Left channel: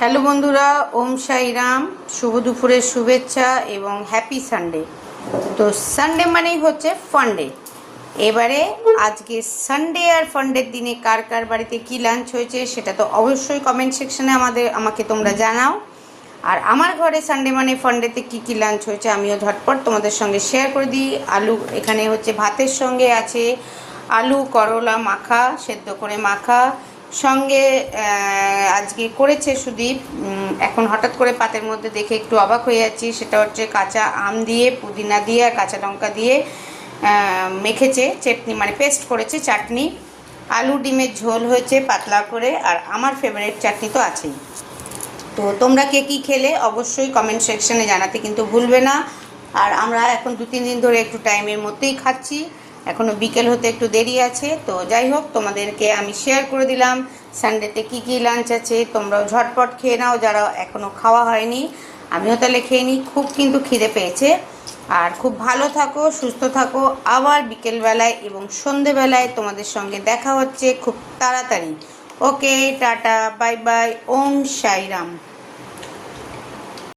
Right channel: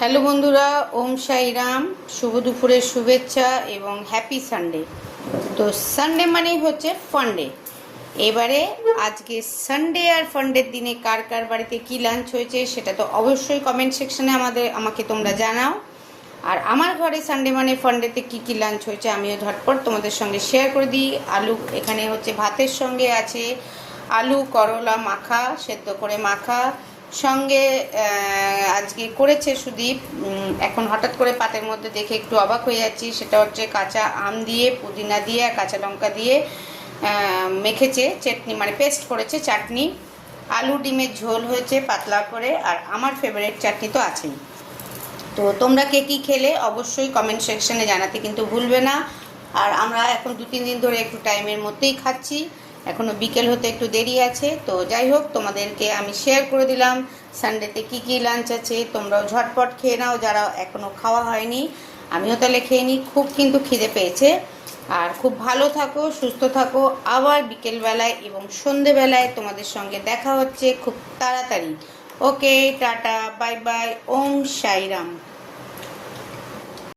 Hello বন্ধুরা, ওম সাইরাম। শুভ দুপুরের শুভেচ্ছা এবং হ্যাপি সানডে। তো সানডে মানেই হচ্ছে ফান্ডে। এবারে আজকে সানডে আর ফান্ডের দিনে কার কার বাড়িতে কি লাঞ্চ হয়েছে সেটা তো অবশ্যই কমেন্ট সেকশনে আমাকে তোমরা জানাও। আর আমার ঘরে সানডে মানে ফান্ডেতে কি কি লাঞ্চ হয়েছে আমিও ঝটপট তোমাদের সঙ্গে শেয়ার করে দিই। আলু এখানে হচ্ছে ভাতের সঙ্গে আছে আলু করলা মাখা, সেদ্ধ করে মাখা, সঙ্গে আজকে করেছে সুদীপ। এখন হঠাৎ করে পাতের মধ্যে দেখে একটু অবাক হয়ে যাচ্ছি। সেটা হচ্ছে কাঁচা আম দিয়ে, পুদিনা দিয়ে আর কাঁচা লঙ্কা দিয়ে মেখেছে চাটনি, মানে পেস্ট করেছে চাটনি। আলু ডিমের ঝোল হয়েছে পাতলা করে, আর আমার ফেভারিট চাটনি তো আছেই। তো তোমরা কে কী খেলে অবশ্যই কমেন্ট সেকশনে জানাতে কিন্তু ভুলবে না। আর আমরা এখন 2-3 দিন ধরে একটু টাইমের মধ্যেই খাচ্ছি, এখনও বিকেল হতে একটু দেরি আছে। তো যাই হোক, তোমাদেরকে আমি শেয়ার করে দিলাম সানডেতে কী কী লাঞ্চ আছে। তোমরাও ঝটপট খেয়ে নাও যারা এখনও খাওয়া হয়নি। আমিও তাহলে খেয়ে নিই, খুব কিন্তু খিদে পেয়েছে। আর খুব ভালো থাকো, সুস্থ থাকো। আবার বিকেলবেলায় এবং সন্ধেবেলায় তোমাদের সঙ্গে দেখা হচ্ছে খুব তাড়াতাড়ি। ওকে, টাটা, বাই বাই, ওম সাইরাম।